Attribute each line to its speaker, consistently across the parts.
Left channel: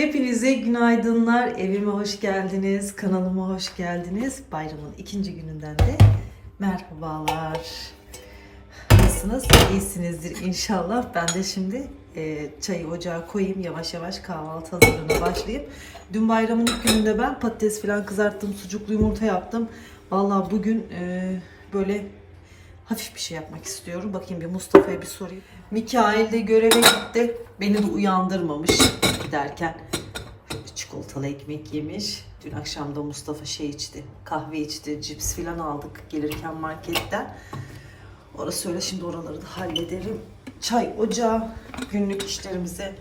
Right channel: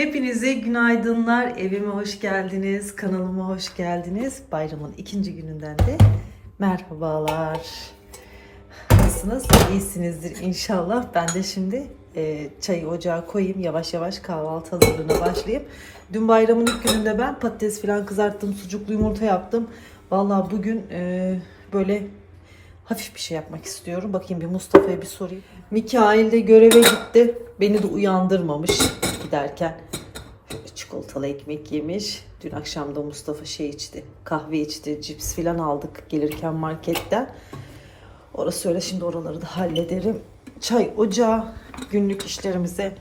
Speaker 1: Hepinize günaydınlar. Evime hoş geldiniz. Kanalıma hoş geldiniz. Bayramın ikinci gününden de merhabalar. Nasılsınız? İyisinizdir inşallah. Ben de şimdi e, çayı ocağa koyayım. Yavaş yavaş kahvaltı hazırlığına başlayayım. Dün bayramın ilk gününde ben patates falan kızarttım. Sucuklu yumurta yaptım. Vallahi bugün e, böyle hafif bir şey yapmak istiyorum. Bakayım bir Mustafa'ya bir sorayım. Mikail de göreve gitti. Beni de uyandırmamış giderken. Çikolatalı ekmek yemiş. Dün akşam da Mustafa şey içti. Kahve içti. Cips falan aldık gelirken marketten. Orası öyle şimdi oraları da hallederim. Çay ocağı günlük işlerimize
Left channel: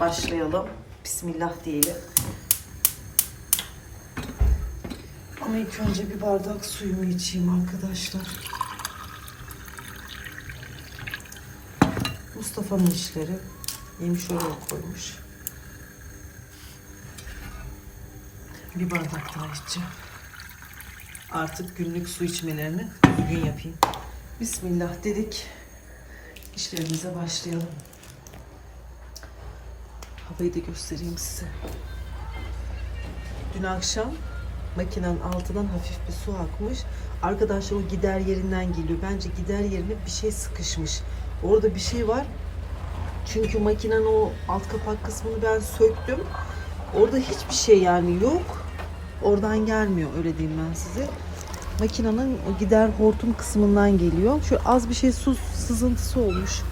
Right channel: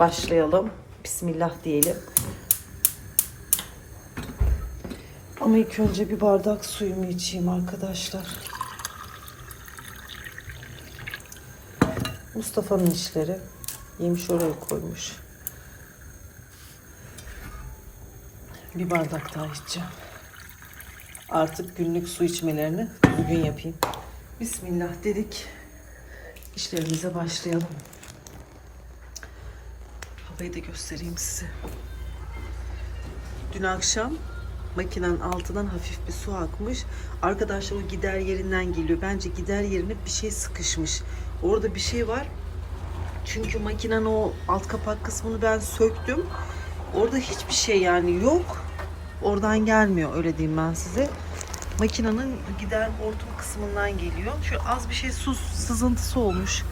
Speaker 1: başlayalım. Bismillah diyelim. Ama ilk önce bir bardak suyumu içeyim arkadaşlar. Mustafa'nın işleri. Yemiş oraya koymuş. Bir bardak daha içeceğim. Artık günlük su içmelerini bugün yapayım. Bismillah dedik. İşlerimize başlayalım. Havayı da göstereyim size. Dün akşam makinenin altından hafif bir su akmış. Arkadaşlar o gider yerinden geliyor. Bence gider yerine bir şey sıkışmış. Orada bir şey var. Çünkü makinenin o alt kapak kısmını ben söktüm. Orada hiçbir şey yani yok. Oradan gelmiyor öyle diyeyim ben size. Makinenin o gider hortum kısmından geliyor. Şöyle az bir şey su sızıntısı olmuş.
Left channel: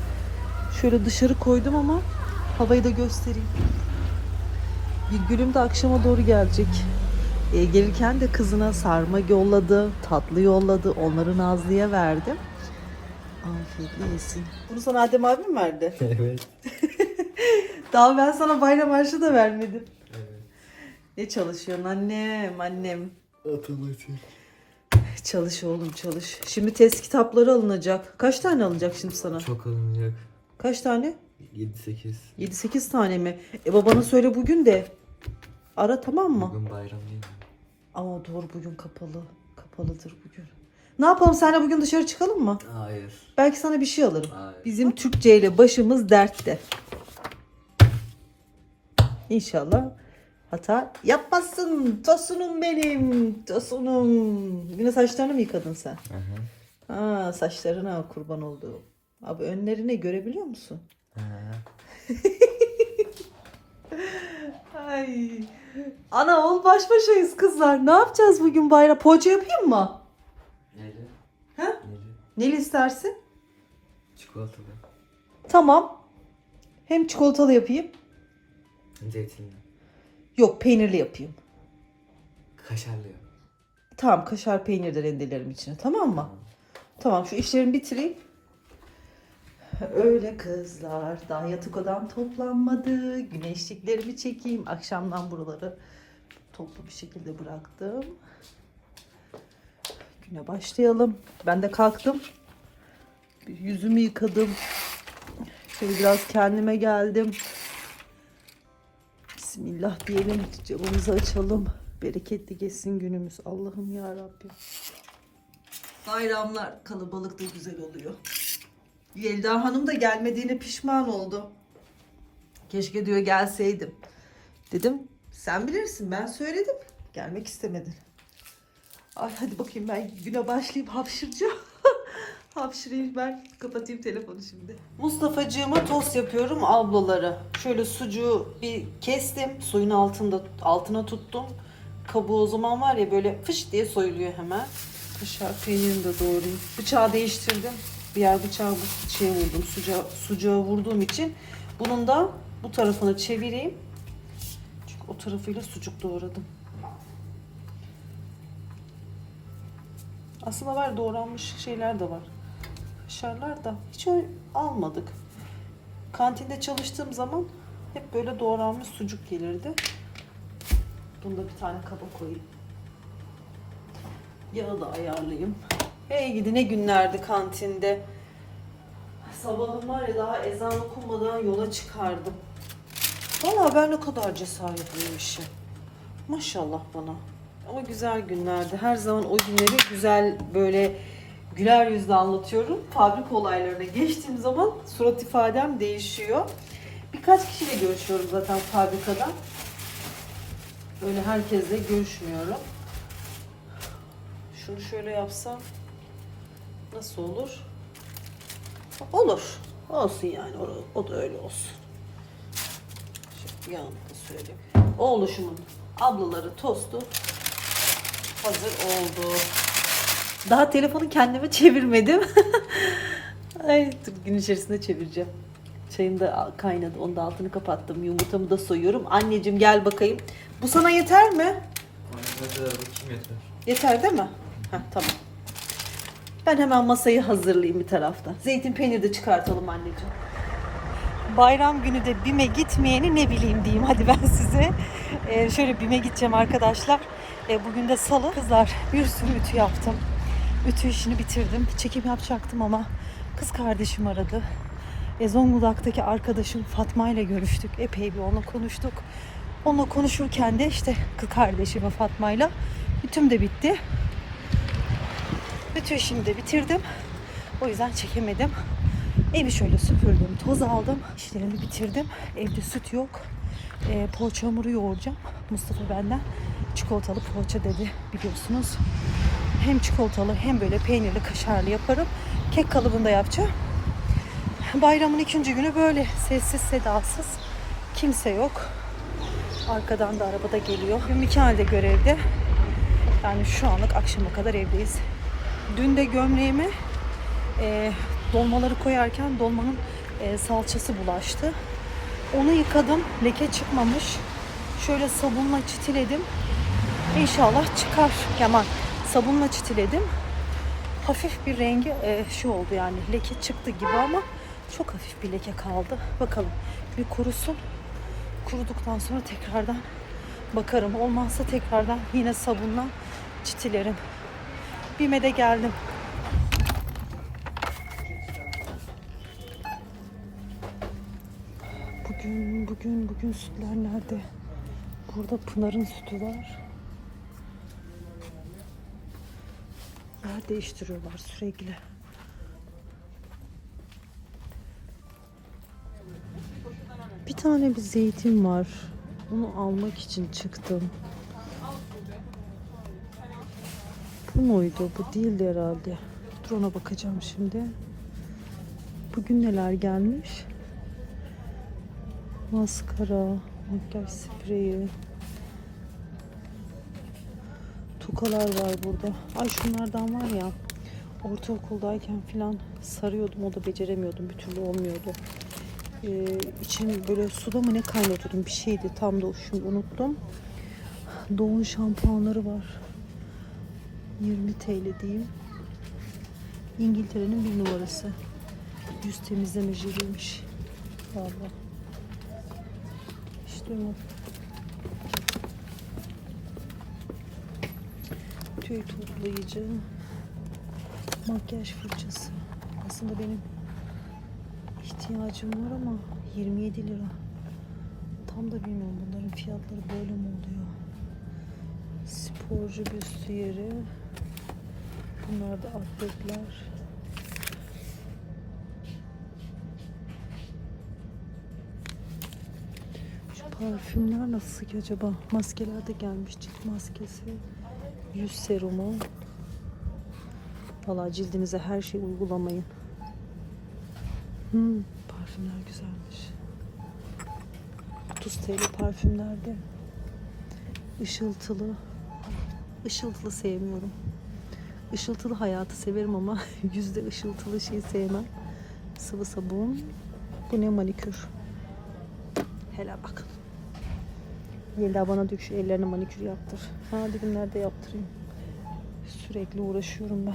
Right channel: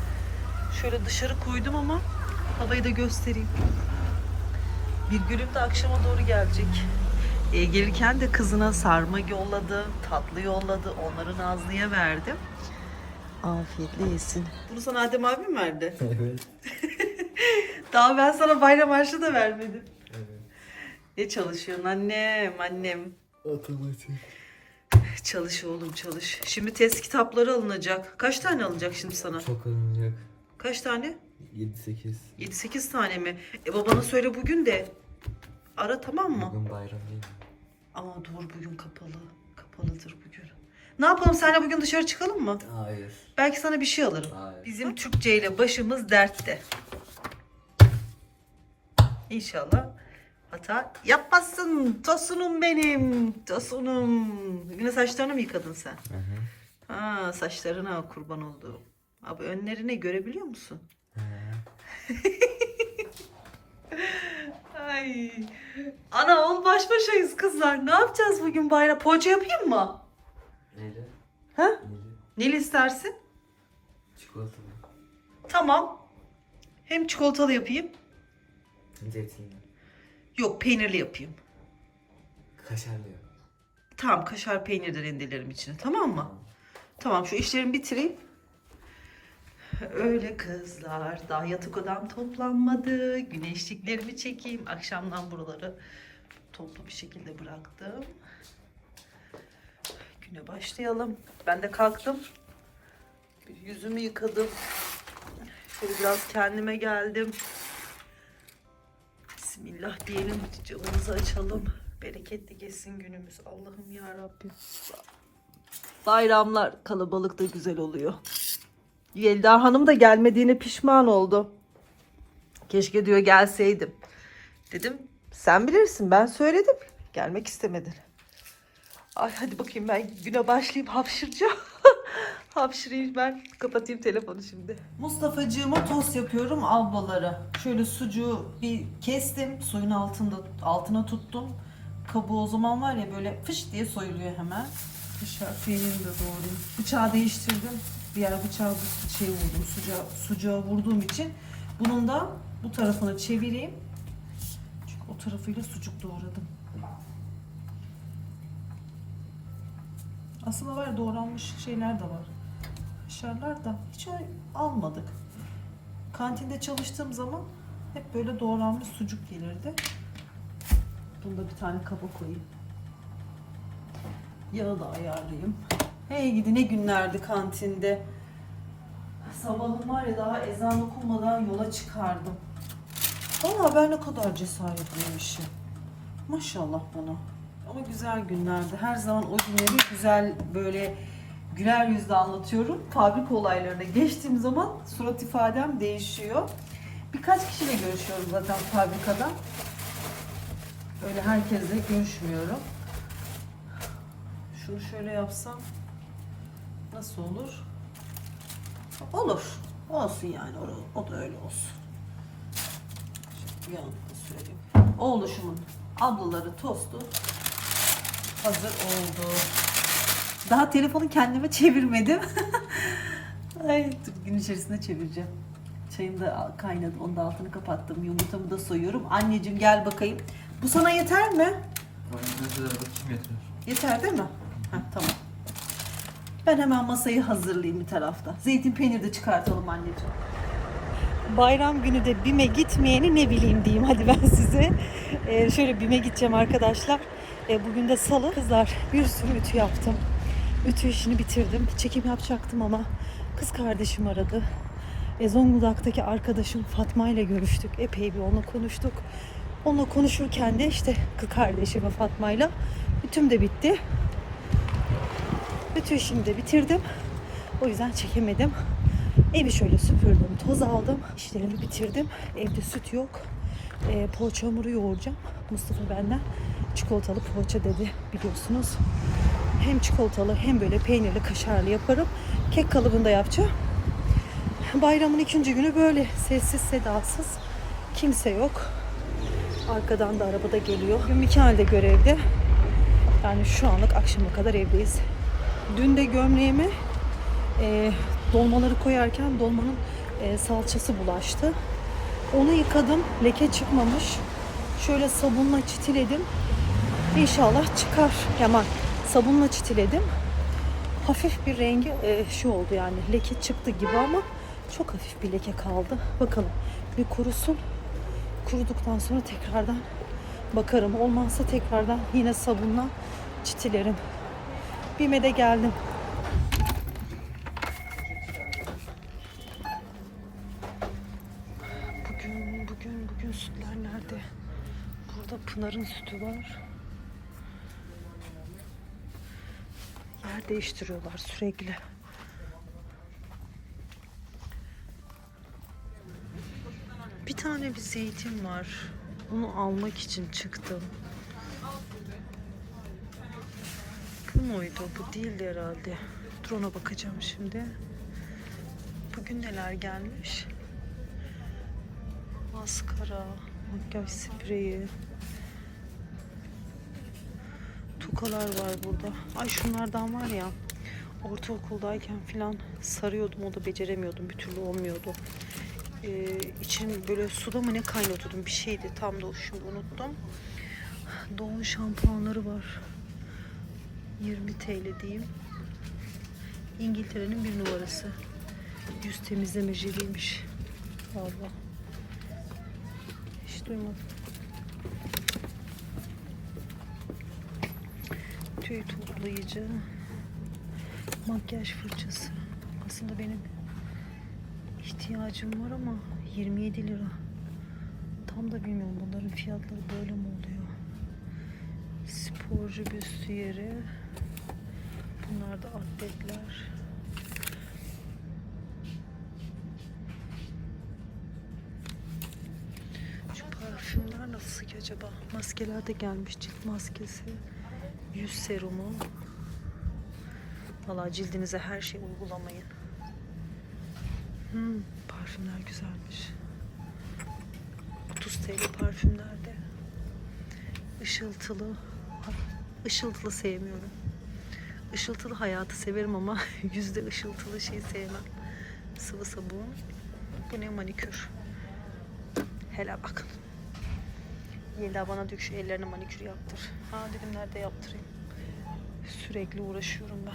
Speaker 1: Şöyle dışarı koydum ama havayı da göstereyim. Bir gülüm de akşama doğru gelecek. E, gelirken de kızına sarma yolladı, tatlı yolladı. Onları Nazlı'ya verdim. Afiyetle yesin. Bunu sana Adem abim verdi.
Speaker 2: Evet.
Speaker 1: Daha ben sana bayram harçlı da vermedim. Ne çalışıyorsun annem, annem?
Speaker 2: Otomatik.
Speaker 1: Çalış oğlum çalış. Şimdi test kitapları alınacak. Kaç tane alınacak şimdi sana?
Speaker 2: Çok alınacak.
Speaker 1: Kaç tane?
Speaker 2: 7-8.
Speaker 1: 7-8 tane mi? E babana söyle bugün de. Ara tamam mı?
Speaker 2: Bugün bayram değil mi?
Speaker 1: Ama doğru bugün kapalı. Kapalıdır bugün. Ne yapalım seninle bugün dışarı çıkalım mı?
Speaker 2: Hayır.
Speaker 1: Belki sana bir şey alırım.
Speaker 2: Hayır.
Speaker 1: Bizim Türkçe ile başımız dertte. İnşallah hata yapmazsın. Tosunum benim. Tosunum. Yine saçlarını mı yıkadın sen?
Speaker 2: Hı hı.
Speaker 1: Ha saçlarına kurban olduğum. Abi önlerine görebiliyor musun?
Speaker 2: Hı.
Speaker 1: Ay. Ana ol baş başayız kızlar. Ne yapacağız bugün bayram? Poğaça yapayım mı?
Speaker 2: Neydi?
Speaker 1: Ha?
Speaker 2: Neydi?
Speaker 1: Neli istersin?
Speaker 2: Çikolatalı.
Speaker 1: Tamam. Hem çikolatalı yapayım.
Speaker 2: Zeytinli.
Speaker 1: Yok peynirli yapayım.
Speaker 2: Kaşarlı yok.
Speaker 1: Tamam kaşar peynir de rendelerim içine tamam mı? Tamam şu işlerimi bitireyim. Öyle kızlar daha yatak odam toplanmadı. Güneşliklerimi çekeyim. Akşamdan buraları toplu bir şekilde bıraktım. Güne başlayalım. Ben de kalktım. Yüzümü yıkadım. Şöyle biraz kendime geldim. Bismillah diyelim. Camımızı açalım. Bereketli geçsin günümüz. Allah'ım ya Rabbim. Bayramlar kalabalık da güzel oluyor. Yelda Hanım da gelmediğine pişman oldu. Keşke diyor gelseydim. Dedim sen bilirsin ben söyledim. Gelmek istemedi. Ay hadi bakayım ben güne başlayayım hapşıracağım. Hapşırayım ben kapatayım telefonu şimdi. Mustafa'cığıma tost yapıyorum ablaları. Şöyle sucuğu bir kestim. Suyun altında altına tuttum. Kabuğu o zaman var ya böyle fış diye soyuluyor hemen. Kaşar peynirini de doğrayayım. Bıçağı değiştirdim. Diğer bıçağı bu şey vurdum. Sucuğa, sucuğa vurduğum için. Bunun da bu tarafını çevireyim. Çünkü o tarafıyla sucuk doğradım. Aslında var doğranmış şeyler de var. Kaşarlar da hiç almadık. Kantinde çalıştığım zaman hep böyle doğranmış sucuk gelirdi. Bunu da bir tane kaba koyayım. Yağı da ayarlayayım. Hey gidi ne günlerdi kantinde. Sabahın var ya daha ezan okunmadan yola çıkardım. Valla ben ne kadar cesaretliymişim. Maşallah bana. Ama güzel günlerdi. Her zaman o günleri güzel böyle güler yüzle anlatıyorum. Fabrika olaylarına geçtiğim zaman surat ifadem değişiyor. Bir birkaç kişiyle görüşüyoruz zaten fabrikada. Böyle herkesle görüşmüyorum. Şunu şöyle yapsam nasıl olur? Olur. Olsun yani. O, o da öyle olsun. Yanına sürelim. Oğluşumun ablaları tostu hazır oldu. Daha telefonu kendime çevirmedim. Ay gün içerisinde çevireceğim. Çayım da kaynadı. Onun da altını kapattım. Yumurtamı da soyuyorum. Anneciğim gel bakayım. Bu sana yeter mi?
Speaker 2: Yeter
Speaker 1: değil mi? Heh, tamam. Ben hemen masayı hazırlayayım bir tarafta. Zeytin peyniri de çıkartalım anneciğim. Bayram günü de BİM'e gitmeyeni ne bileyim diyeyim hadi ben size. Ee, şöyle BİM'e gideceğim arkadaşlar. Ee, bugün de salı. Kızlar bir sürü ütü yaptım. Ütü işini bitirdim. Çekim yapacaktım ama kız kardeşim aradı. E, Zonguldak'taki arkadaşım Fatma ile görüştük. Epey bir onunla konuştuk. Onunla konuşurken de işte kız kardeşim ve Fatma'yla ütüm de bitti. Bütün işimi de bitirdim. O yüzden çekemedim. Evi şöyle süpürdüm, toz aldım. İşlerimi bitirdim. Evde süt yok. E, poğaça hamuru yoğuracağım. Mustafa benden çikolatalı poğaça dedi biliyorsunuz. Hem çikolatalı hem böyle peynirli kaşarlı yaparım. Kek kalıbında yapacağım. Bayramın ikinci günü böyle sessiz sedasız. Kimse yok. Arkadan da arabada geliyor. Bugün Mikael de görevde. Yani şu anlık akşama kadar evdeyiz. Dün de gömleğime e, dolmaları koyarken dolmanın e, salçası bulaştı. Onu yıkadım. Leke çıkmamış. Şöyle sabunla çitiledim. İnşallah çıkar. Hemen sabunla çitiledim. Hafif bir rengi e, şu oldu yani leke çıktı gibi ama çok hafif bir leke kaldı. Bakalım bir kurusun. Kuruduktan sonra tekrardan bakarım. Olmazsa tekrardan yine sabunla çitilerim. Bime de geldim. Bugün, bugün, bugün sütler nerede? Burada Pınar'ın sütü var. Yer değiştiriyorlar sürekli. Bir tane bir zeytin var. Onu almak için çıktım. Bu muydu? Bu değildi herhalde. Dur ona bakacağım şimdi. Bugün neler gelmiş? Maskara, makyaj spreyi. Tokalar var burada. Ay şunlardan var ya. Ortaokuldayken falan sarıyordum. O da beceremiyordum. Bir türlü olmuyordu. Ee, için böyle suda mı ne kaynatıyordum bir şeydi. Tam da şimdi unuttum. Doğum şampuanları var. 20 TL diyeyim. İngiltere'nin bir numarası. Yüz temizleme jeliymiş. Valla. Hiç duymadım. Tüy toplayıcı. Makyaj fırçası. Aslında benim ihtiyacım var ama 27 lira. Tam da bilmiyorum bunların fiyatları böyle mi oluyor? Sporcu büstiyeri. Bunlar da atletler. Şu parfümler nasıl ki acaba? Maskeler de gelmiş. Cilt maskesi. Yüz serumu. Valla cildinize her şey uygulamayın. Hmm, parfümler güzelmiş. 30 TL parfümlerde. Işıltılı. Ay, Işıltılı sevmiyorum. Işıltılı hayatı severim ama yüzde ışıltılı şey sevmem. Sıvı sabun. Bu ne manikür. Helal bakın. Yelda bana diyor şu ellerine manikür yaptır. Ha dedim nerede yaptırayım. Sürekli uğraşıyorum ben.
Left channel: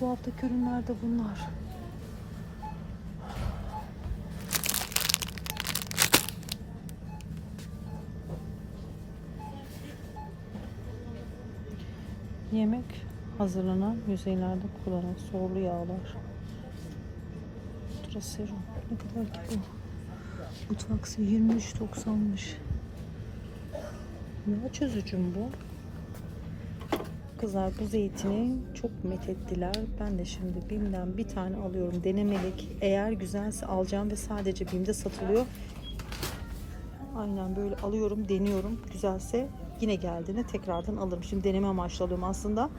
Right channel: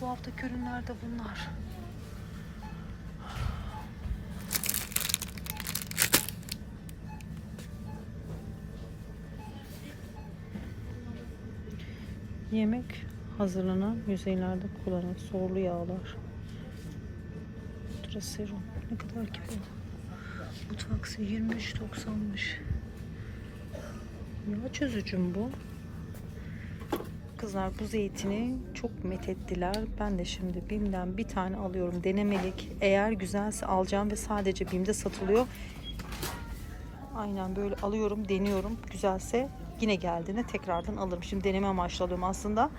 Speaker 1: Bu haftaki ürünler de bunlar. Yemek hazırlanan yüzeylerde kullanılan sorulu yağlar. Traserum. Ne kadar ki bu? Bu taksi 23.90'mış. Yağ çözücüm bu. Kızlar bu zeytini çok methettiler. Ben de şimdi BİM'den bir tane alıyorum denemelik. Eğer güzelse alacağım ve sadece BİM'de satılıyor. Aynen böyle alıyorum, deniyorum. Güzelse yine geldiğinde tekrardan alırım. Şimdi deneme amaçlı alıyorum aslında.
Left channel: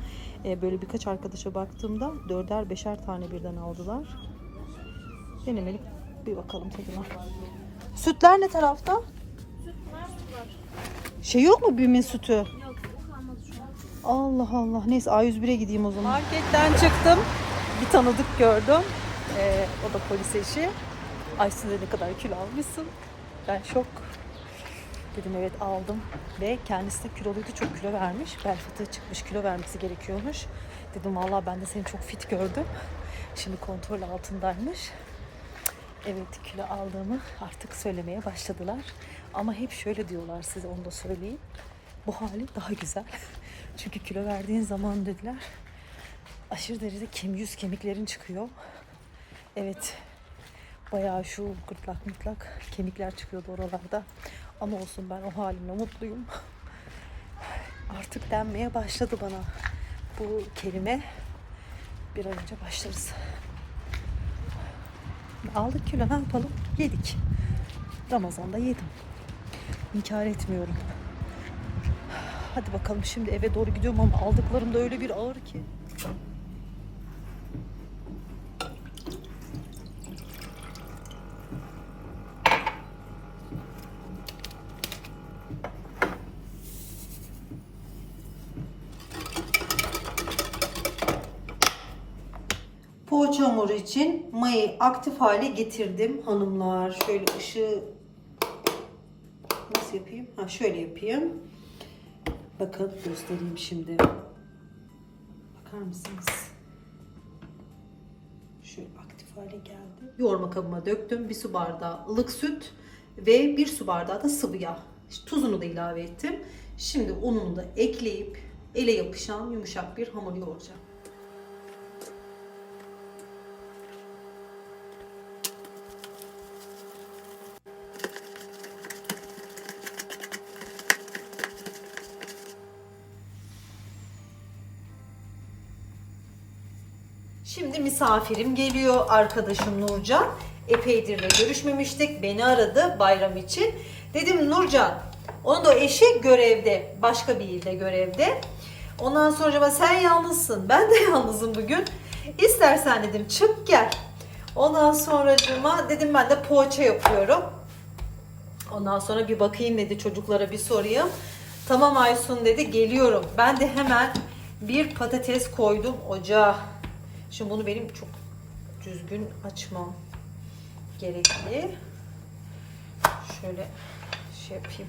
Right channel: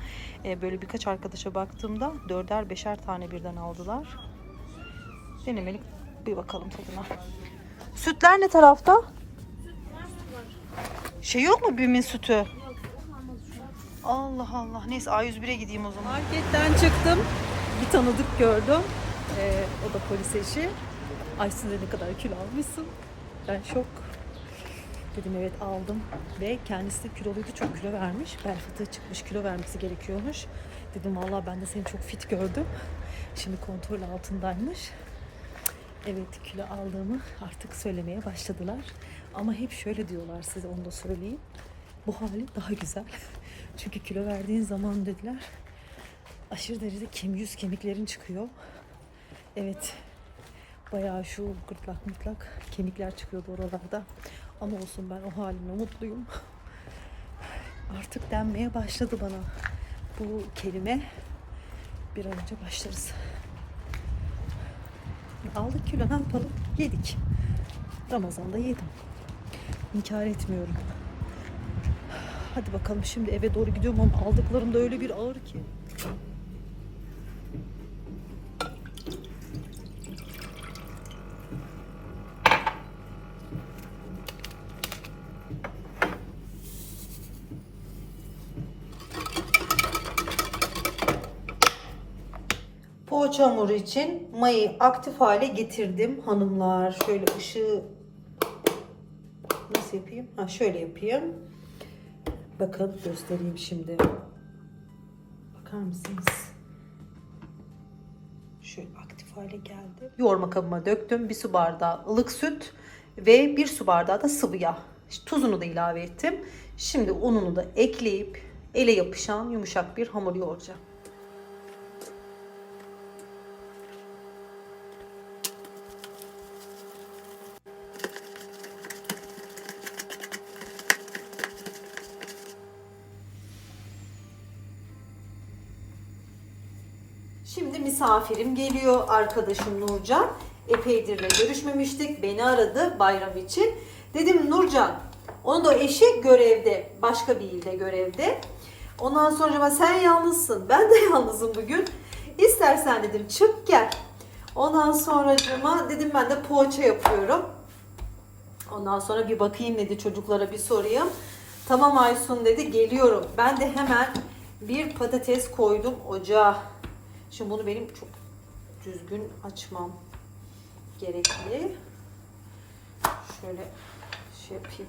Speaker 1: e, böyle birkaç arkadaşa baktığımda dörder beşer tane birden aldılar. Denemelik bir bakalım tadına. Sütler ne tarafta? Şey yok mu BİM'in sütü? Allah Allah. Neyse A101'e gideyim o zaman. Marketten çıktım. Bir tanıdık gördüm. Ee, o da polis eşi. Aysun dedi ne kadar kilo almışsın. Ben şok. Dedim evet aldım. Ve kendisi de kiloluydu. Çok kilo vermiş. Bel fıtığı çıkmış. Kilo vermesi gerekiyormuş. Dedim vallahi ben de seni çok fit gördüm. Şimdi kontrol altındaymış. Evet kilo aldığımı artık söylemeye başladılar. Ama hep şöyle diyorlar size onu da söyleyeyim. Bu hali daha güzel. Çünkü kilo verdiğin zaman dediler aşırı derecede kem yüz kemiklerin çıkıyor. Evet bayağı şu gırtlak mırtlak kemikler çıkıyordu oralarda. Ama olsun ben o halimle mutluyum. Artık denmeye başladı bana bu kelime. Bir an önce başlarız. Aldık kilo ne yapalım? Yedik. Ramazan'da yedim. İnkar etmiyorum. Hadi bakalım şimdi eve doğru gidiyorum ama aldıklarım da öyle bir ağır ki. Poğaça hamuru için mayayı aktif hale getirdim hanımlar. Şöyle ışığı nasıl yapayım? Ha şöyle yapayım. Bakın göstereyim şimdi. Bakar mısınız? Şöyle aktif hale geldi. Yoğurma kabıma döktüm. Bir su bardağı ılık süt ve bir su bardağı da sıvı yağ. Tuzunu da ilave ettim. Şimdi ununu da ekleyip ele yapışan yumuşak bir hamur yoğuracağım. Şimdi misafirim geliyor arkadaşım Nurcan. Epeydir de görüşmemiştik. Beni aradı bayram için. Dedim Nurcan, onun da eşi görevde. Başka bir ilde görevde. Ondan sonra sen yalnızsın. Ben de yalnızım bugün. İstersen dedim çık gel. Ondan sonracıma dedim ben de poğaça yapıyorum. Ondan sonra bir bakayım dedi çocuklara bir sorayım. Tamam Aysun dedi geliyorum. Ben de hemen bir patates koydum ocağa. Şimdi bunu benim çok düzgün açmam gerekli. Şöyle şey yapayım.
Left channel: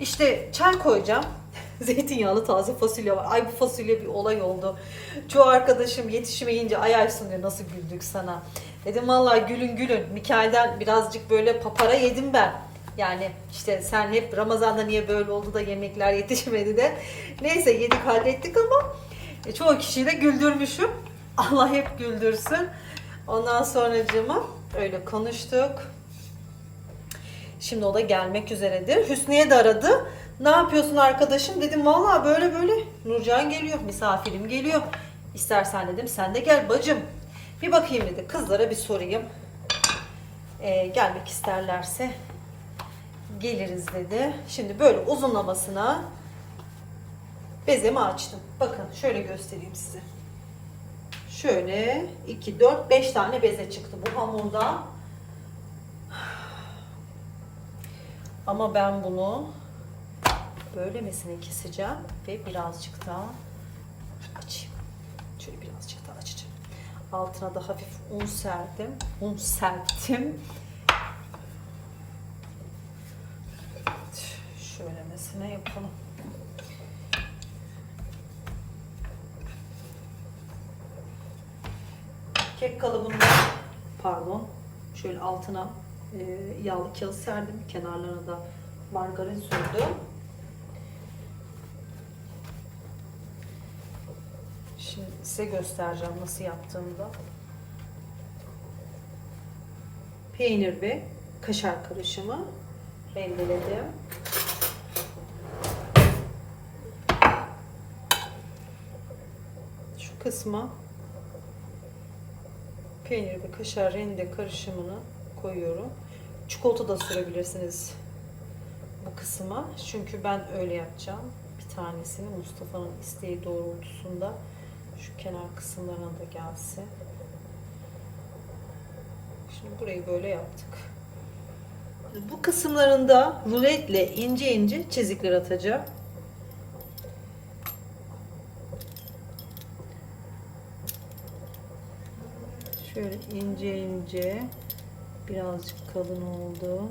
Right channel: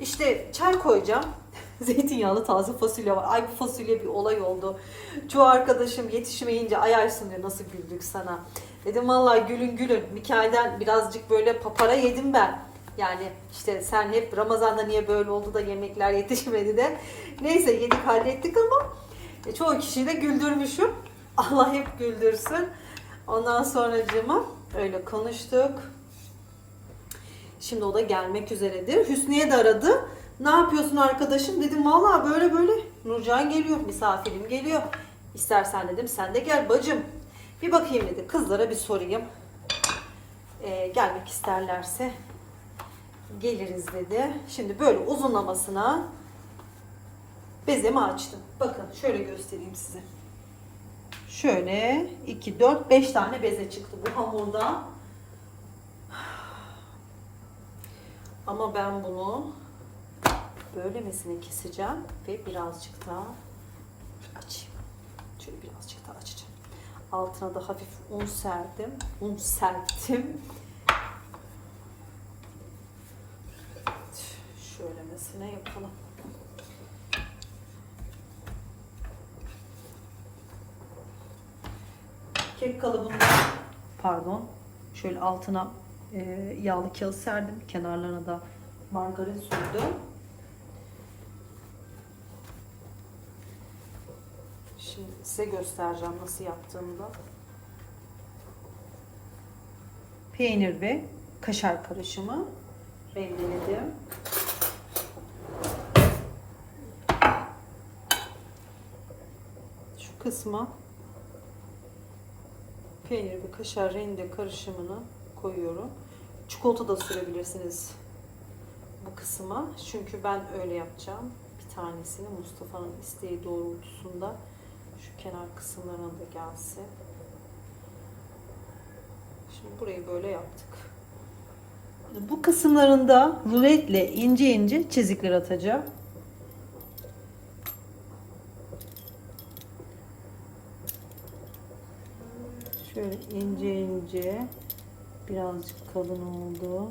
Speaker 1: İşte çay koyacağım. Zeytinyağlı taze fasulye var. Ay bu fasulye bir olay oldu. Çoğu arkadaşım yetişmeyince ay Aysun diyor nasıl güldük sana. Dedim vallahi gülün gülün. Mikail'den birazcık böyle papara yedim ben. Yani işte sen hep Ramazan'da niye böyle oldu da yemekler yetişmedi de. Neyse yedik hallettik ama e, çoğu kişiyi de güldürmüşüm. Allah hep güldürsün. Ondan sonracığıma öyle konuştuk. Şimdi o da gelmek üzeredir. Hüsniye de aradı. Ne yapıyorsun arkadaşım? Dedim vallahi böyle böyle. Nurcan geliyor, misafirim geliyor. İstersen dedim sen de gel bacım. Bir bakayım dedi. Kızlara bir sorayım. Ee, gelmek isterlerse geliriz dedi. Şimdi böyle uzunlamasına bezemi açtım. Bakın şöyle göstereyim size. Şöyle 2, 4, 5 tane beze çıktı bu hamurda. Ama ben bunu böylemesine keseceğim ve birazcık daha açayım. Şöyle birazcık daha açacağım. Altına da hafif un serdim. Un serptim. Şöylemesine yapalım. Kek kalıbını pardon şöyle altına e, yağlı kağıt serdim. Kenarlarına da margarin sürdüm. Şimdi size göstereceğim nasıl yaptığımı da. Peynir ve kaşar karışımı rendeledim. kısma peynir ve kaşar rende karışımını koyuyorum. Çikolata da sürebilirsiniz bu kısma. Çünkü ben öyle yapacağım. Bir tanesini Mustafa'nın isteği doğrultusunda şu kenar kısımlarına da gelsin. Şimdi burayı böyle yaptık. Bu kısımlarında ruletle ince ince çizikler atacağım. Şöyle ince ince birazcık kalın oldu.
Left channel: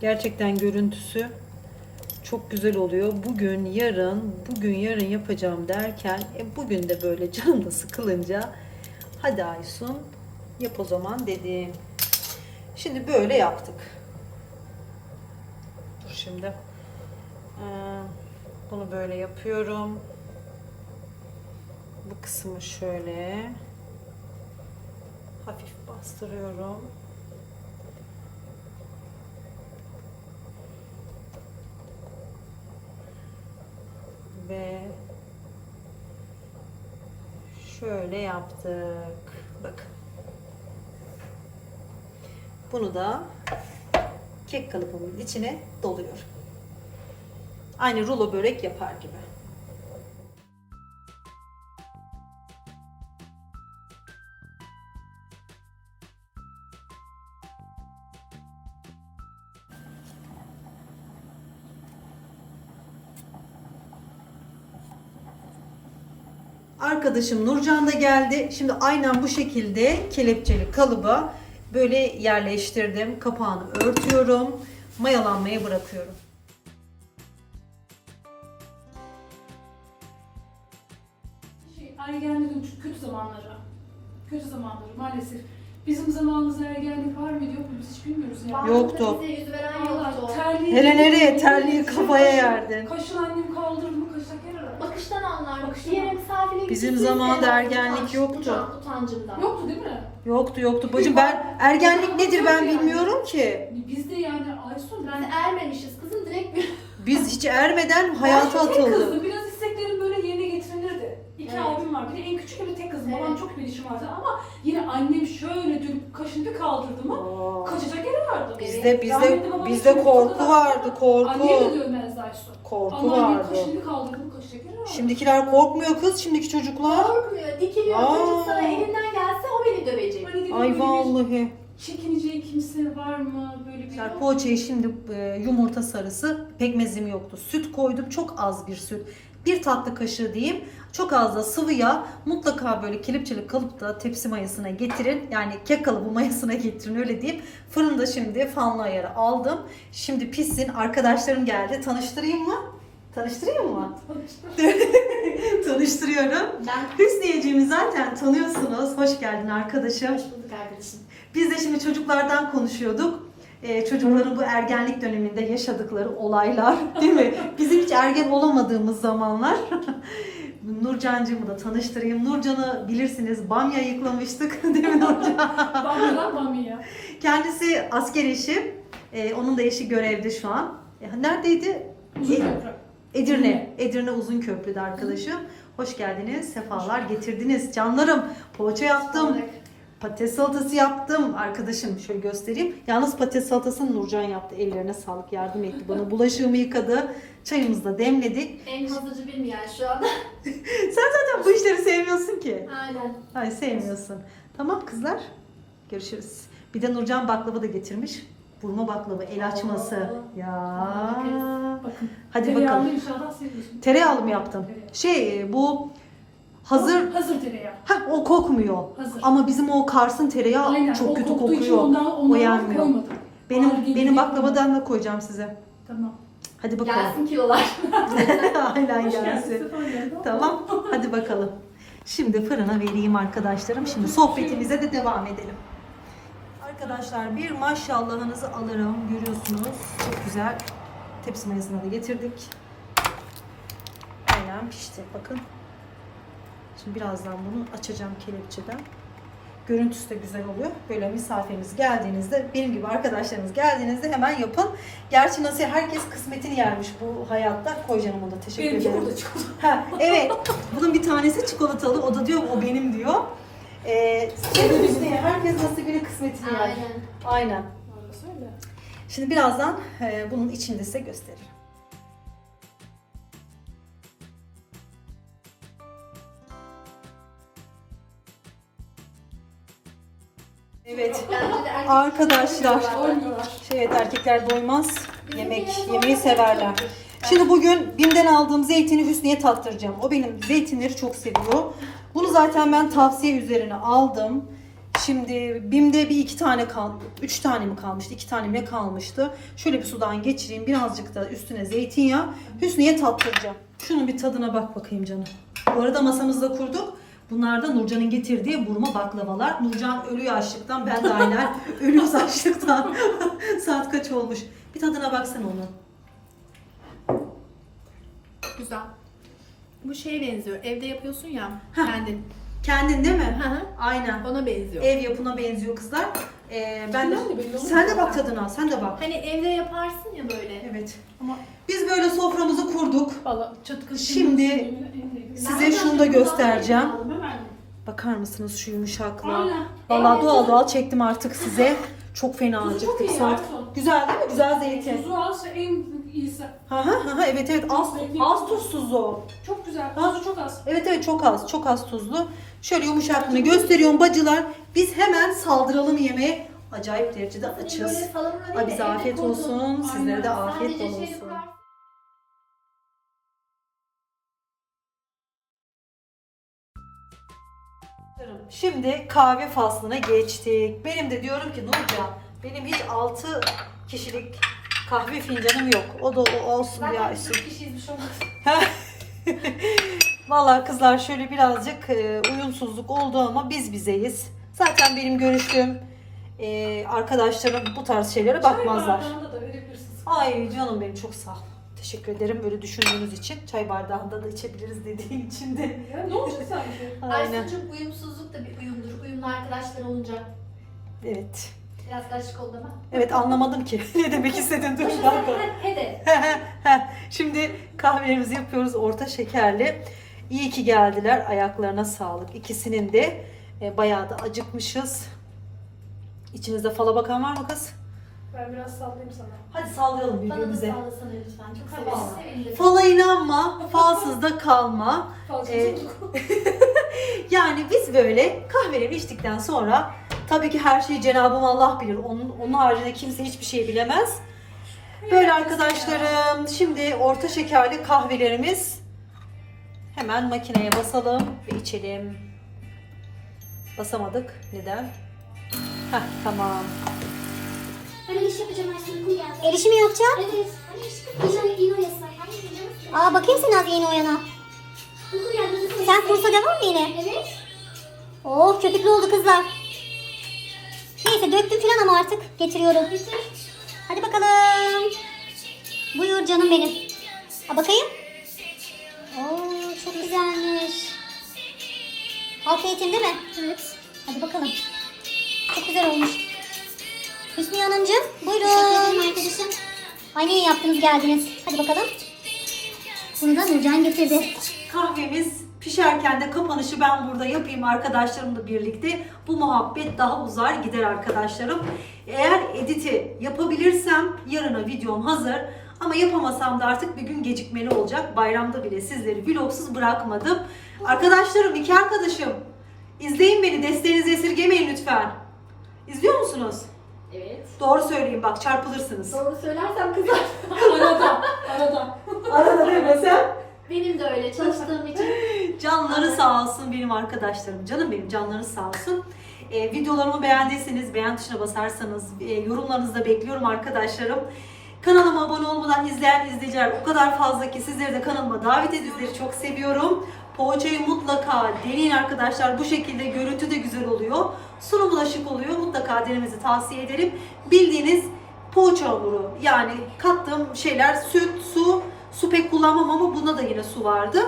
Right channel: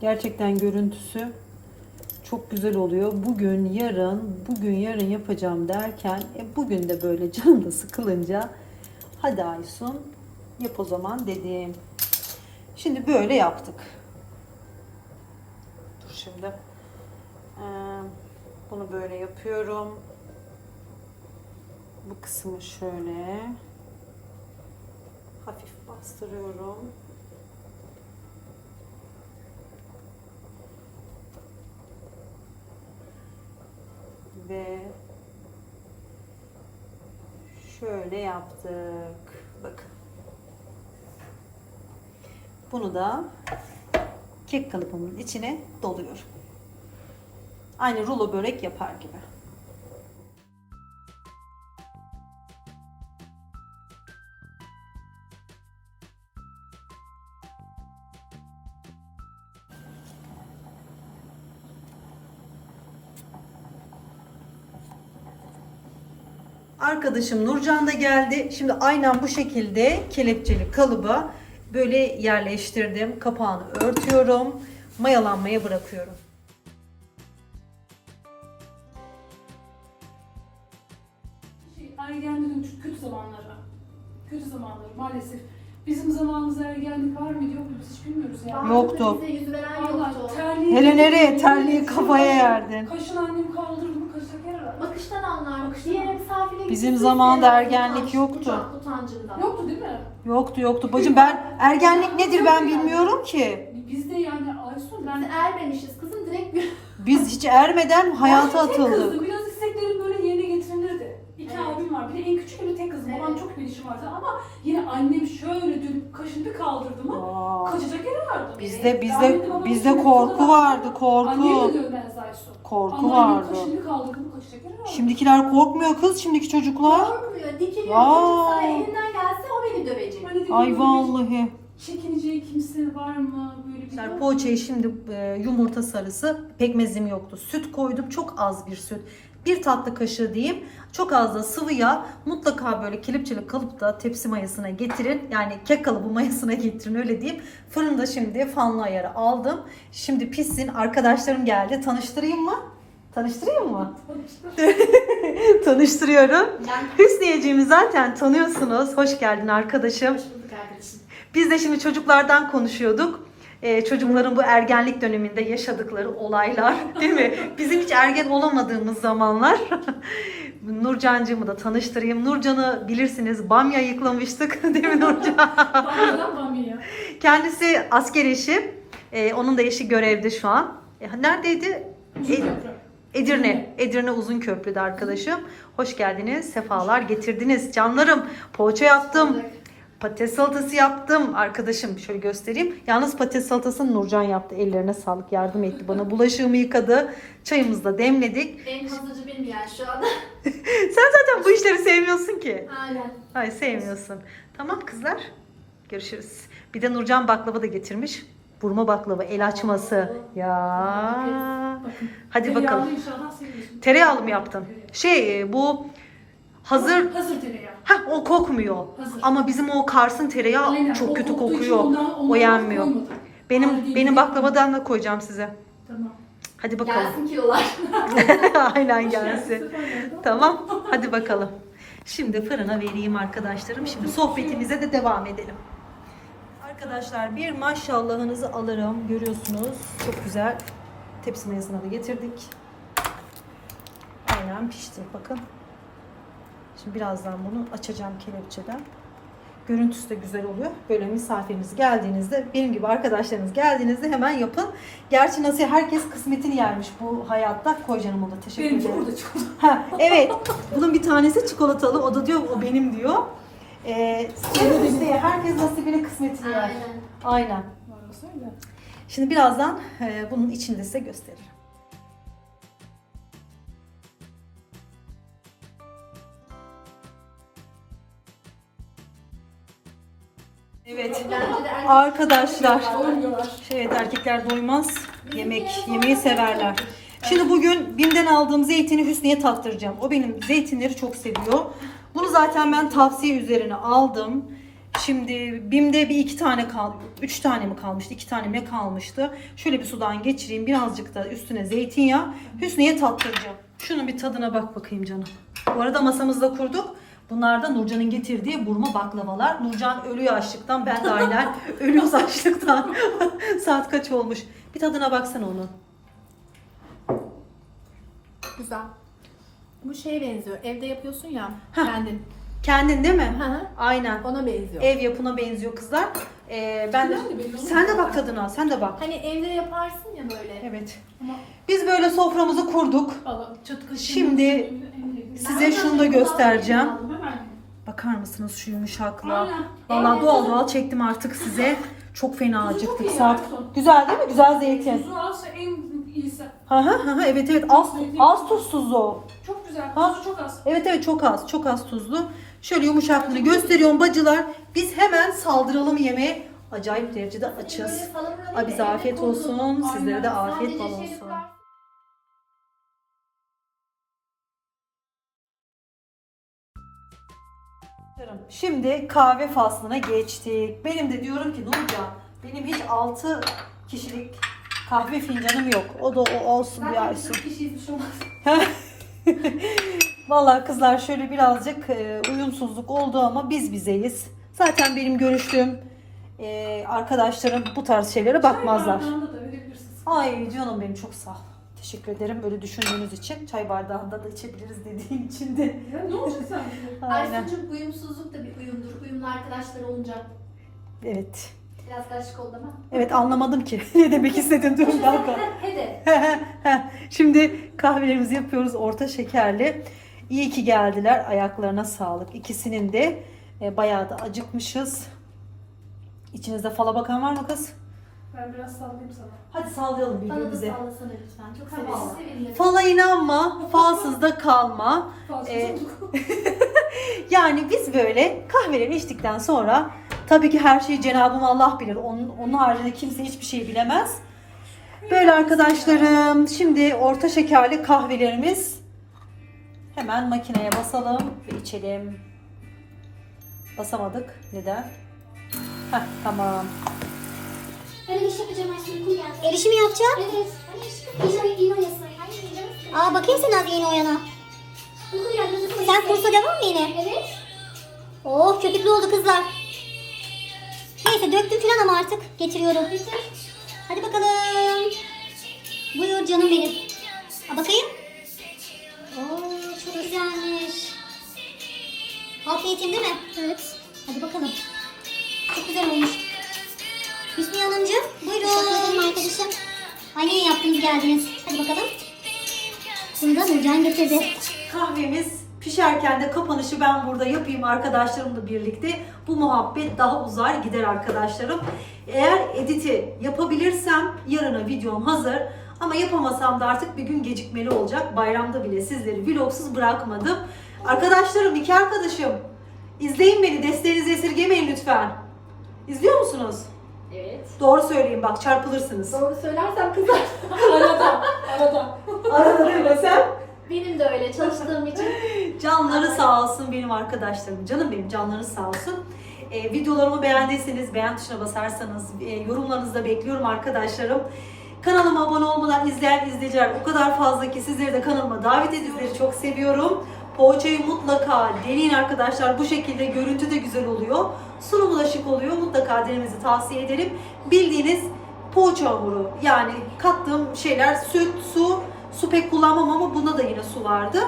Speaker 1: Gerçekten görüntüsü çok güzel oluyor. Bugün, yarın, bugün, yarın yapacağım derken e, bugün de böyle da sıkılınca hadi Aysun yap o zaman dedim. Şimdi böyle yaptık. Dur şimdi. Ee, bunu böyle yapıyorum. Bu kısmı şöyle hafif bastırıyorum. ve şöyle yaptık. Bakın. Bunu da kek kalıbımın içine doluyorum. Aynı rulo börek yapar gibi. Arkadaşım Nurcan da geldi. Şimdi aynen bu şekilde kelepçeli kalıba böyle yerleştirdim. Kapağını örtüyorum. Mayalanmaya bırakıyorum.
Speaker 3: Şey, ergenliğin çok kötü zamanları. Kötü zamanları maalesef. Bizim zamanımızda ergenlik var mıydı yok mu biz hiç bilmiyoruz yani.
Speaker 1: Yoktu.
Speaker 4: Bize yüz veren
Speaker 3: Allah
Speaker 4: yoktu.
Speaker 3: terliği...
Speaker 1: Hele nereye? Terliği kafaya yerdin.
Speaker 3: Kaşın annem kaldırır
Speaker 4: Bakıştan.
Speaker 3: Bakıştan
Speaker 4: Diğer
Speaker 3: anlar.
Speaker 4: misafirliğe
Speaker 1: Bizim
Speaker 4: gittik,
Speaker 1: zamanında
Speaker 4: biz
Speaker 1: ergenlik
Speaker 4: utanç-
Speaker 1: yoktu.
Speaker 4: utanç- Utancından.
Speaker 3: Yoktu değil mi?
Speaker 1: Yoktu yoktu. Bacım ben ergenlik nedir ben bilmiyorum ki.
Speaker 3: Biz de yani Aysun
Speaker 4: Biz
Speaker 3: ben...
Speaker 4: ermemişiz. Kızım direkt bir
Speaker 1: Biz hiç ermeden hayata
Speaker 3: Ben tek
Speaker 1: atıldık.
Speaker 3: kızdım. Biraz isteklerim böyle yerine getirilirdi. İki
Speaker 4: Evet.
Speaker 3: abim var. Bir de en küçük bir tek kızım. Babam
Speaker 4: Evet.
Speaker 3: çok bilişim vardı ama yine annem şöyle dönüp kaşını bir kaldırdı mı
Speaker 1: Aa,
Speaker 3: kaçacak yeri vardı.
Speaker 1: Bizde bizde bizde korku vardı.
Speaker 3: Annem
Speaker 1: korku.
Speaker 3: de dövmezdi Aysun.
Speaker 1: Korku
Speaker 3: Ama annem
Speaker 1: vardı.
Speaker 3: kaşını bir kaldırdı mı kaçacak yeri vardı.
Speaker 1: Şimdikiler korkmuyor kız, şimdiki çocuklar.
Speaker 4: korkmuyor. Dikiliyor. Çocuk sana elinden gelse o beni dövecek.
Speaker 3: Hani dedim,
Speaker 1: Ay
Speaker 3: böyle bir
Speaker 1: vallahi.
Speaker 3: Çekineceği kimse var mı? Böyle
Speaker 1: Arkadaşlar poğaçayı şimdi e, yumurta sarısı pekmezim yoktu. Süt koydum çok az bir süt. Bir tatlı kaşığı diyeyim. Çok az da sıvı yağ. Mutlaka böyle kelepçeli kalıpta tepsi mayasına getirin. Yani kek kalıbı mayasına getirin öyle diyeyim. Fırında şimdi fanlı ayarı aldım. Şimdi pişsin. Arkadaşlarım geldi. Tanıştırayım mı? Tanıştırayım mı? Tanıştırıyorum.
Speaker 4: Ben
Speaker 1: Hüsniyeciğimi zaten tanıyorsunuz. Hoş geldin arkadaşım.
Speaker 4: hoş bulduk arkadaşım.
Speaker 1: Biz de şimdi çocuklardan konuşuyorduk. Ee, çocukların bu ergenlik döneminde yaşadıkları olaylar değil mi? Bizim hiç ergen olamadığımız zamanlar. Nurcancığımı da tanıştırayım. Nurcan'ı bilirsiniz bamya yıklamıştık değil mi Nurcan?
Speaker 3: Bamyadan bamya.
Speaker 1: Kendisi asker eşi. Ee, onun da eşi görevde şu an. E, neredeydi?
Speaker 3: Uzun
Speaker 1: E-. Edirne. Edirne Uzunköprü'de arkadaşım. Hoş geldiniz. Sefalar getirdiniz. Canlarım poğaça yaptım. Patates salatası yaptım. Arkadaşım şöyle göstereyim. Yalnız patates salatasını Nurcan yaptı. Ellerine sağlık. Yardım etti bana. Bulaşığımı yıkadı. Çayımızı da demledik.
Speaker 4: En hazırcı benim yani şu anda.
Speaker 1: Sen zaten bu işleri sevmiyorsun ki.
Speaker 4: Aynen.
Speaker 1: Ay sevmiyorsun. Tamam kızlar. Görüşürüz. Bir de Nurcan baklava da getirmiş. Burma baklava, el açması. Ya.
Speaker 3: Bakın.
Speaker 1: Hadi bakalım. Tereyağlı mı yaptın? Şey e, bu hazır
Speaker 3: Hazır tereyağı.
Speaker 1: Ha o kokmuyor.
Speaker 3: Hazır.
Speaker 1: Ama bizim o Kars'ın tereyağı
Speaker 3: Aynen,
Speaker 1: çok
Speaker 3: o
Speaker 1: kötü
Speaker 3: koktuğu için
Speaker 1: kokuyor.
Speaker 3: ondan- ondan
Speaker 1: o yenmiyor.
Speaker 3: koymadım.
Speaker 1: Benim
Speaker 3: değil,
Speaker 1: benim
Speaker 3: değil.
Speaker 1: baklavadan da koyacağım size.
Speaker 3: Tamam.
Speaker 1: Hadi bakalım.
Speaker 4: Gelsin kilolar.
Speaker 1: Aynen gelsin. tamam. Hadi bakalım. Şimdi fırına vereyim arkadaşlarım. Şimdi sohbetimize de devam edelim. Arkadaşlar bir maşallahınızı alırım. Görüyorsunuz. Çok güzel. Tepsi mayasına da getirdik. Aynen pişti. Bakın. Şimdi birazdan bunu açacağım kelepçeden. Görüntüsü de güzel oluyor. Böyle misafiriniz geldiğinizde, benim gibi arkadaşlarınız geldiğinizde hemen yapın. Gerçi nasıl herkes kısmetini yermiş bu hayatta. Koy canım ona teşekkür
Speaker 3: Benimki
Speaker 1: ederim.
Speaker 3: burada çikolata.
Speaker 1: Ha, evet. Bunun bir tanesi çikolatalı. O da diyor o benim diyor. Ee, işte herkes nasibini kısmetini yer.
Speaker 4: Aynen.
Speaker 1: Aynen. Şimdi birazdan e, bunun içini de size gösteririm. Evet arkadaşlar.
Speaker 3: Doymuyorlar.
Speaker 1: Evet erkekler doymaz. Yemek yemeyi severler. Şimdi bugün Bim'den aldığım zeytini Hüsnü'ye tattıracağım. O benim zeytinleri çok seviyor. Bunu zaten ben tavsiye üzerine aldım. Şimdi Bim'de bir iki tane kal, üç tane mi kalmıştı, iki tane mi kalmıştı? Şöyle bir sudan geçireyim, birazcık da üstüne zeytinyağı. Hüsnü'ye tattıracağım. Şunun bir tadına bak bakayım canım. Bu arada masamızda kurduk. Bunlar da Nurcan'ın getirdiği burma baklavalar. Nurcan ölüyor açlıktan, ben de aynen ölüyoruz açlıktan. Saat kaç olmuş? Bir tadına baksana onun.
Speaker 4: Güzel. Bu şeye benziyor. Evde yapıyorsun ya
Speaker 1: Hah.
Speaker 4: kendin.
Speaker 1: Kendin değil mi?
Speaker 4: Hı hı.
Speaker 1: Aynen.
Speaker 4: Ona benziyor.
Speaker 1: Ev yapına benziyor kızlar. Ee, ben de,
Speaker 3: de
Speaker 1: sen de bak tadına, sen de bak.
Speaker 4: Hani evde yaparsın ya böyle.
Speaker 1: Evet.
Speaker 3: Ama
Speaker 1: Biz böyle soframızı kurduk.
Speaker 3: valla çatkı
Speaker 1: Şimdi Size şunu da göstereceğim. Bakar mısınız şu yumuşaklığa? Vallahi doğal doğal çektim artık size. Çok fena acıktık saat. Güzel değil mi? Güzel zeytin.
Speaker 3: Tuzu az en iyisi.
Speaker 1: Hı hı hı hı, evet evet az, az tuzsuz o.
Speaker 3: Çok güzel.
Speaker 1: Ha?
Speaker 3: Tuzu çok az.
Speaker 1: Evet evet çok az çok az tuzlu. Şöyle yumuşaklığını gösteriyorum bacılar. Biz hemen saldıralım yemeğe. Acayip derecede açız.
Speaker 4: Evde
Speaker 1: afiyet olsun. Sizlere de afiyet bal
Speaker 4: şey
Speaker 1: olsun. Şimdi kahve faslına geçtik. Benim de diyorum ki Nurcan benim hiç 6 kişilik kahve fincanım yok. O da o olsun ya.
Speaker 3: Bir kişiyiz bir şey olmaz.
Speaker 1: Vallahi kızlar şöyle birazcık e, uyumsuzluk oldu ama biz bizeyiz. Zaten benim görüştüğüm e, arkadaşlarım bu tarz şeylere bakmazlar.
Speaker 3: Çay bardağında da verebilirsiniz.
Speaker 1: Ay canım benim çok sağ ol. Teşekkür ederim böyle düşündüğünüz için. Çay bardağında da içebiliriz dediğin için de.
Speaker 3: Ya ne ki sanki?
Speaker 1: Aynen.
Speaker 4: Aysun'cum uyumsuzluk da bir uyumdur. Uyumlu arkadaşlar olunca
Speaker 1: Evet.
Speaker 4: biraz karışık oldu ama.
Speaker 1: Evet anlamadım ki. ne demek istedin dur bir dakika.
Speaker 4: Hadi.
Speaker 1: Şimdi kahvelerimizi yapıyoruz orta şekerli. İyi ki geldiler. Ayaklarına sağlık. İkisinin de e, bayağı da acıkmışız. İçinizde fala bakan var mı kız?
Speaker 3: Ben biraz sallayayım sana.
Speaker 1: Hadi sallayalım
Speaker 4: Bana da
Speaker 1: birbirimize.
Speaker 4: sallasana lütfen. Çok
Speaker 1: Tamam.
Speaker 4: severiz. Severiz.
Speaker 1: Fala inanma, falsız da kalma. Ee. Yani biz böyle kahveleri içtikten sonra tabii ki her şeyi Cenab-ı Allah bilir. Onun, onun haricinde kimse hiçbir şey bilemez. Böyle arkadaşlarım şimdi orta şekerli kahvelerimiz hemen makineye basalım ve içelim. Basamadık. Neden? Heh, tamam.
Speaker 5: Ben işi yapacağım Ayşe uykum geldi. El işi mi yapacaksın? Evet. Yine, yine oyasın. Yine Aa bakayım sen az yeni oyana. Uykum geldi. uykum
Speaker 6: Sen
Speaker 5: geldi.
Speaker 6: kursa devam mı yine?
Speaker 5: Evet.
Speaker 6: Oh köpüklü oldu kızlar. Neyse döktüm falan ama artık getiriyorum. Hadi bakalım. Buyur canım benim. Ha bakayım. Oo çok güzelmiş. Afiyetin değil mi? Evet. Hadi bakalım. Çok güzel olmuş. Hüsnü Hanımcığım buyurun.
Speaker 5: Arkadaşım.
Speaker 6: Ay ne iyi yaptınız geldiniz. Hadi bakalım. Bunu da Nurcan getirdi.
Speaker 1: Kahvemiz pişerken de kapanışı ben burada yapayım arkadaşlarımla birlikte. Bu muhabbet daha uzar gider arkadaşlarım. Eğer editi yapabilirsem yarına videom hazır. Ama yapamasam da artık bir gün gecikmeli olacak. Bayramda bile sizleri vlogsuz bırakmadım. Arkadaşlarım, iki arkadaşım. izleyin beni, desteğinizi esirgemeyin lütfen. İzliyor musunuz?
Speaker 4: Evet.
Speaker 1: Doğru söyleyin bak çarpılırsınız.
Speaker 4: Doğru söylersem kızar.
Speaker 3: Arada. Arada.
Speaker 1: Arada demesem.
Speaker 4: Benim de öyle çalıştığım için.
Speaker 1: Canları sağ olsun benim arkadaşlarım. Canım benim canlarınız sağ olsun. Ee, videolarımı beğendiyseniz beğen tuşuna basarsanız e, yorumlarınızı da bekliyorum arkadaşlarım. Kanalıma abone olmadan izleyen izleyiciler o kadar fazla ki sizleri de kanalıma davet ediyorum. Çok seviyorum. Poğaçayı mutlaka deneyin arkadaşlar. Bu şekilde görüntü de güzel oluyor. Sunumu da şık oluyor. Mutlaka denemenizi tavsiye ederim. Bildiğiniz poğaça hamuru. Yani kattığım şeyler süt, su. Su pek kullanmam ama bunda da yine su vardı.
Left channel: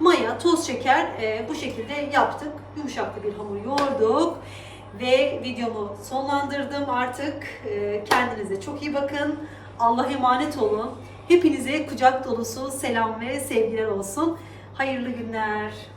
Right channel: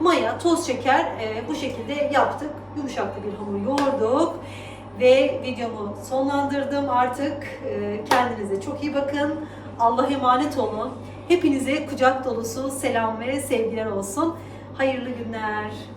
Speaker 1: Maya, toz şeker e, bu şekilde yaptık. Yumuşaklı bir hamur yoğurduk. Ve videomu sonlandırdım artık. E, kendinize çok iyi bakın. Allah'a emanet olun. Hepinize kucak dolusu selam ve sevgiler olsun. Hayırlı günler.